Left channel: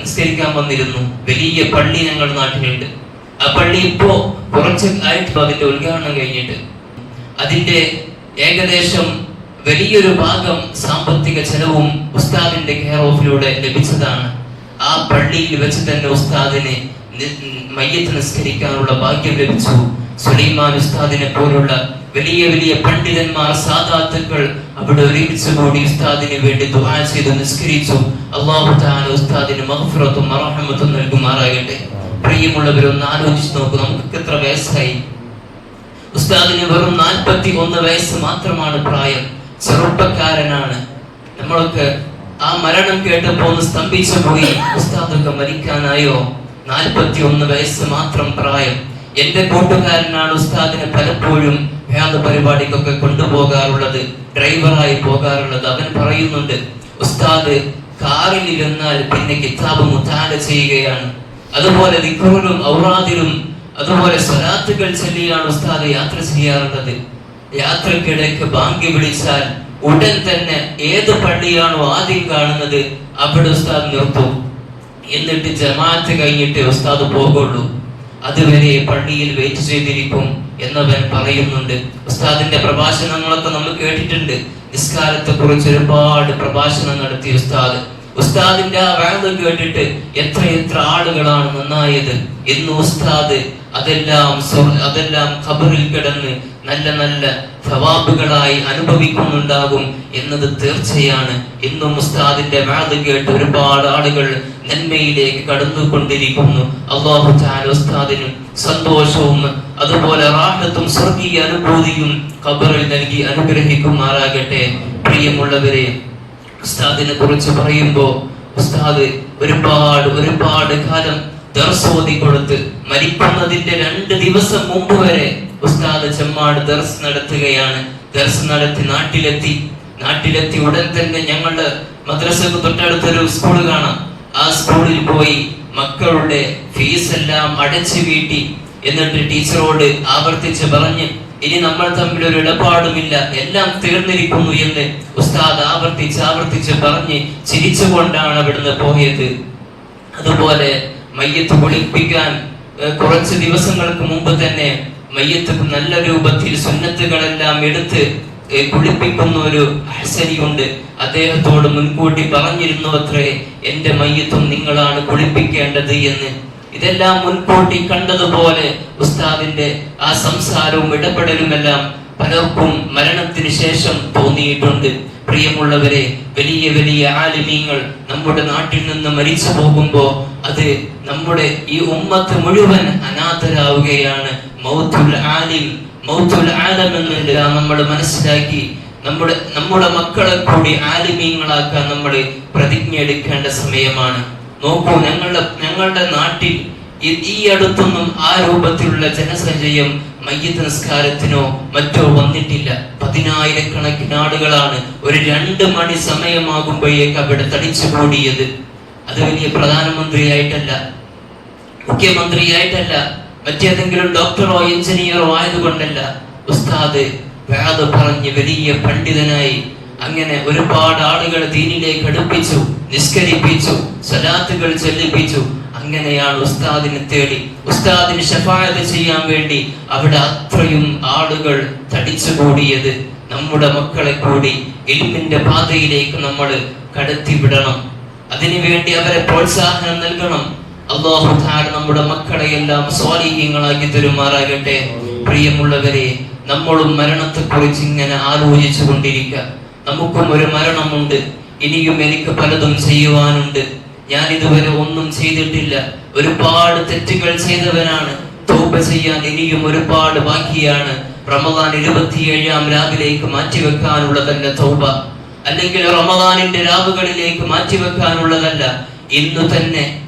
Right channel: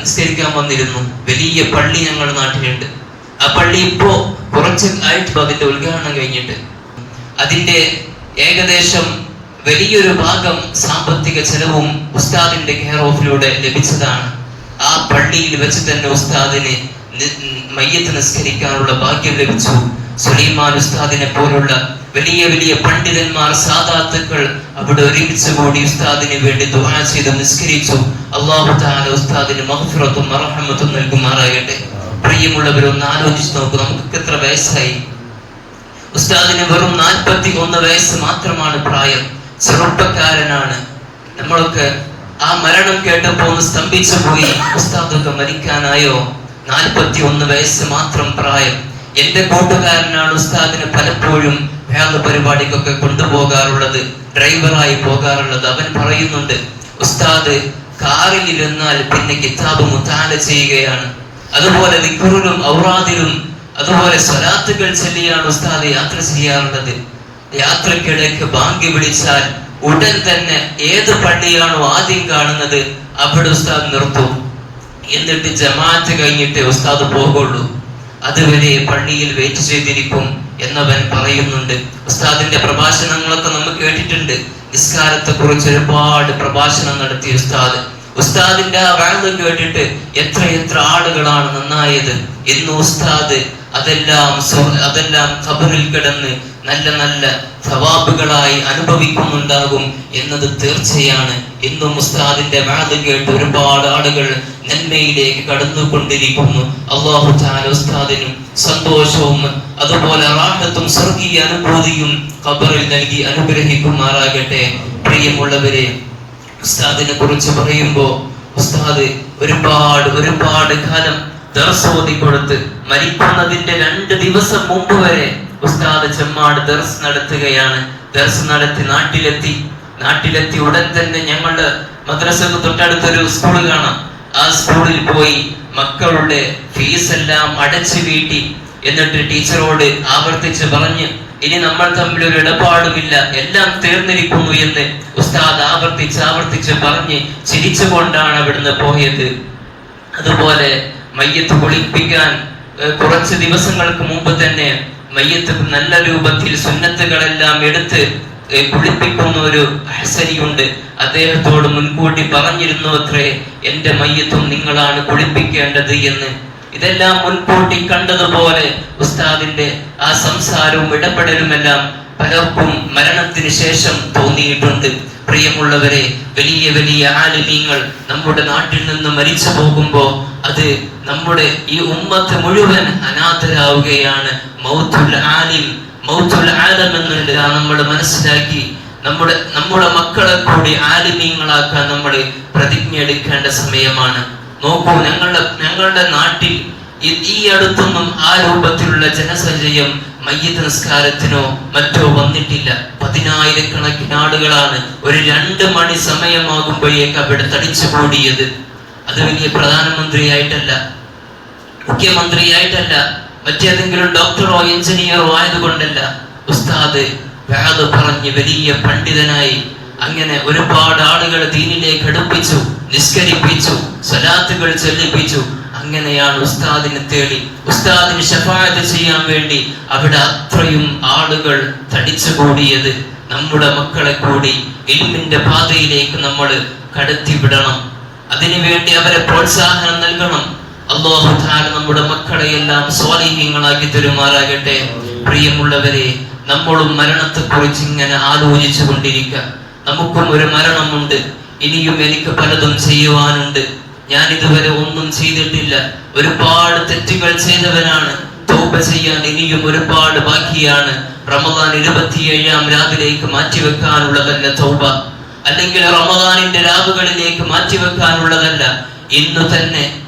നിസ്കരിക്കാൻ വന്നിരുന്നു. വലിയ പള്ളി ഞങ്ങളുടെ നാട്ടിലുണ്ട്. ആ പള്ളി ഇപ്പോ കുറച്ച് ആയിട്ട് അതിന്റെ ഉദ്ഘാടനം കഴിഞ്ഞിട്ട് അതിന്റെ ഏകദേശം വലിയൊരു ഭാഗം സാമ്പത്തിക ചെലവും ഉസ്താദിന്റെ കെയർ ഓഫിലൂടെ ലഭിച്ചതാണ്. ആ പള്ളിയിൽ വെച്ച് തന്നെ ഉസ്താദിന് മയ്യത്ത് നിസ്കരിക്കാനുള്ള ഭാഗ്യം ലഭിച്ചു. സുലൈമാൻ ഉസ്താദിനെ പോലുള്ള വലിയ വലിയ പണ്ഡിതന്മാർ സാദാത്തുക്കൾ അവിടെ ഒരുമിച്ച് കൂടി ഉസ്താദിന് വേണ്ടി ദുആ ചെയ്ത് നിസ്കരിച്ചു. അള്ളാഹു താല ഉസ്താദിന് മഗ്ഫിറത്തും മറഹമത്തും നൽകുമാറാകട്ടെ. പ്രിയമുള്ളവർ ഒന്ന് ആലോചിച്ച് നോക്കൂ നമുക്ക് എത്ര വയസ്സായി? ഉസ്താദിന് വെറും നാൽപ്പത്തി ഒന്ന് വയസ്സ് മാത്രമാണ് പ്രായം. ചെറുപ്പക്കാരനാണ്. നമ്മളൊക്കെ ആ മരണം കേട്ടപ്പോ ഒന്ന് സ്തംഭിച്ചു പോയി. ഉസ്താദൊക്കെ മരിക്കാനായോ? നാൽപ്പത്തി ഒന്ന് വയസ്സ് മാത്രം പ്രായം. എന്റെ കൂട്ടുകാരനാണ് ഉസ്താദിനെ പലപ്പോഴും വേദ പരിപാടിക്കൊക്കെ കൊണ്ടുപോകാറുള്ളത് ഡ്രൈവറായി പോകാറുള്ളത്. അവൻ പറയുന്നുണ്ട് ഉസ്താദ് കാറിൽ ഇരുന്നാൽ പിന്നെ കിതാബ് മുത്താല ചെയ്യുകയാണ്. അതുപോലെ ദിക്റിലും ഔറാദിലും അതുപോലെ സ്വലാത്തുകൾ ചൊല്ലിയാണ് ഉസ്താദ് യാത്ര ചെയ്യാറുള്ളത്. യാത്രക്കിടയ്ക്ക് ബാങ്കി വിളിച്ചാൽ ഉടൻ തന്നെ ഏത് പള്ളിയാണോ ആദ്യം കാണുന്നത് അവിടെ ഉസ്താദ് നിർത്തും. എന്നിട്ട് ജമാഅത്ത് കഴിഞ്ഞിട്ട് ഉസ്താദ് പോകുള്ളൂ അതുവരെ പള്ളിയിൽ വെയിറ്റ് ചെയ്തിരിക്കും എന്നവൻ പറയുന്നുണ്ട്. ഉസ്താദിന്റെ പ്രഭാഷണങ്ങളൊക്കെ നമ്മൾ കേട്ടിട്ടുണ്ട്. നിസ്കാരത്തെ കുറിച്ച് ഒരുപാട് പ്രഭാഷണം നടത്തിയ ഉസ്താദ്. ഉസ്താദിന്റെ ആ വേദം കേട്ടിട്ട് എത്ര എത്ര ആളുകളാണ് നന്നായത് ഇന്ന് ഉസ്താദ് അതെല്ലാം അതെല്ലാം ഖബറിൽ കിടന്ന് നല്ല നല്ല സവാബുകളായി അനുഭവിക്കുന്നുണ്ടാകും എന്നത് തീർച്ചയാണ്. ഇന്നും ഉസ്താദിന്റെ മാത് കേട്ട് ഒരുപാട് ആളുകൾ നന്മയിലേക്ക് കടന്നുകൊണ്ടിരിക്കുന്നു. അള്ളാഹു താല ഉസ്താദിനും സന്തോഷവും അതുപോലെ റാഹത്തും സ്വർഗീയ അനുഭൂതിയും ഖബറിൽ നൽകി അനുഗ്രഹിക്കുമാറാകട്ടെ. പ്രിയമുള്ളവരെ ഉസ്താദിനെ കുറിച്ച് പറയുമ്പോൾ ഉസ്താദ് ഒരുപാട് ഒരുപാട് കാലം ദർസ് ഓതി കൊടുത്ത് മരിക്കുന്നതിന്റെ രണ്ട് ദിവസം മുമ്പ് വരെ ഉസ്താദ് ചെമ്മാട് ദർസ് നടത്തുകയാണ്. ദർസ് നടത്തി നാട്ടിലെത്തി. നാട്ടിലെത്തി ഉടൻ തന്നെ ഞങ്ങളുടെ മദ്രസക്ക് തൊട്ടടുത്തൊരു സ്കൂൾ കാണാം. ആ സ്കൂളിൽ പോയി മക്കളുടെ ഫീസ് എല്ലാം അടച്ചു വീട്ടി. എന്നിട്ട് ടീച്ചറോട് ആവർത്തിച്ച് പറഞ്ഞ് ഇനി നമ്മൾ തമ്മിൽ ഒരു ഇടപാടുമില്ല. എല്ലാം തീർന്നിരിക്കുന്നു എന്ന് ഉസ്താദ് ആവർത്തിച്ച് ആവർത്തിച്ച് പറഞ്ഞ് ചിരിച്ചുകൊണ്ടാണ് അവിടുന്ന് പോയത്. അതുപോലെ മയ്യത്ത് കുളിപ്പിക്കാൻ കുറച്ച് ദിവസങ്ങൾക്ക് മുമ്പ് തന്നെ മയ്യത്ത് നല്ല രൂപത്തിൽ സുന്നത്തുകളെല്ലാം എടുത്ത് കുളിപ്പിക്കുന്ന ഒരു ഹസനിയുണ്ട്. അദ്ദേഹത്തോട് മുൻകൂട്ടി പറഞ്ഞിരുന്നു അത്രേ എന്റെ മയ്യത്തും നിങ്ങളാണ് കുളിപ്പിക്കേണ്ടത് എന്ന്. ഇതെല്ലാം മുൻകൂട്ടി കണ്ടതുപോലെ ഉസ്താദിന്റെ ആ സംസാരവും ഇടപെടലുമെല്ലാം പലർക്കും മരണത്തിന് ശേഷം തോന്നിയിട്ടുണ്ട്. പ്രിയമുള്ളവരെ വലിയ വലിയ ആലിമീങ്ങൾ നമ്മുടെ നാട്ടിൽ നിന്ന് മരിച്ചു പോകുമ്പോൾ അത് നമ്മുടെ ഈ ഉമ്മത്ത് മുഴുവൻ അനാഥരാവുകയാണ്. നമ്മൾ മനസ്സിലാക്കി നമ്മുടെ നമ്മുടെ മക്കളെ കൂടി ആലിമീങ്ങളാക്കാൻ നമ്മൾ പ്രതിജ്ഞ എടുക്കേണ്ട സമയമാണ്. നോക്കൂ ഞങ്ങളുടെ ഞങ്ങളുടെ നാട്ടിൽ ഈ അടുത്തൊന്നും ആ രൂപത്തിലുള്ള ജനസഞ്ചയം മയ്യ നിസ്കാരത്തിനോ മറ്റോ വന്നിട്ടില്ല. പതിനായിരക്കണക്കിന് ആളുകളാണ് ഒരു രണ്ട് മണി സമയമാകുമ്പോഴേക്ക് അവിടെ തടിച്ചു കൂടിയത് അത് വലിയ പ്രധാനമന്ത്രിയായിട്ടല്ല മുഖ്യമന്ത്രിയായിട്ടല്ല മറ്റേതെങ്കിലും ഡോക്ടറോ എഞ്ചിനീയറോ ആയതുകൊണ്ടല്ല. ഉസ്താദ് വേദ പറഞ്ഞ് വലിയ പണ്ഡിതനായി അങ്ങനെ ഒരുപാട് ആളുകൾ ദീനിലേക്ക് അടുപ്പിച്ചു നിസ്കരിപ്പിച്ചു സലാത്തുകൾ ചെല്ലിപ്പിച്ചു. അങ്ങനെയാണ് ഉസ്താദിനെ തേടി. ഉസ്താദിന് ഷഫായത് ചെയ്യാൻ വേണ്ടി അവിടെ അത്രയും ആളുകൾ തടിച്ചുകൂടിയത് നമ്മുടെ മക്കളെ കൂടി ഇൽമിന്റെ പാതയിലേക്ക് നമ്മൾ കടത്തിവിടണം. അതിനുവേണ്ടി അവരെ പ്രോത്സാഹനം നൽകണം. അള്ളാഹു നമ്മുടെ മക്കളെ എല്ലാം സ്വാധീനങ്ങളാക്കി തരുമാറാകട്ടെ. പ്രിയമുള്ളവരെ നമ്മളും മരണത്തെക്കുറിച്ച് ഇങ്ങനെ ആലോചിച്ചു കൊണ്ടിരിക്കുക നമുക്കും ഒരു മരണമുണ്ട്. ഇനിയും എനിക്ക് പലതും ചെയ്യുവാനുണ്ട്. ഞാൻ ഇതുവരെ ഒന്നും ചെയ്തിട്ടില്ല. ഒരുപാട് തെറ്റുകൾ ചെയ്തവനാണ്. തൗബ ചെയ്യാൻ ഇനിയും ഒരുപാട് ബാക്കിയാണ്. റമദാൻ ഇരുപത്തിയേഴാം രാവിലേക്ക് മാറ്റിവെക്കാനുള്ളതല്ല തൗബ. അല്ലെങ്കിൽ റമദാനിന്റെ രാവുകളിലേക്ക് മാറ്റിവെക്കാനുള്ളതല്ല. ഇന്നു തന്നെ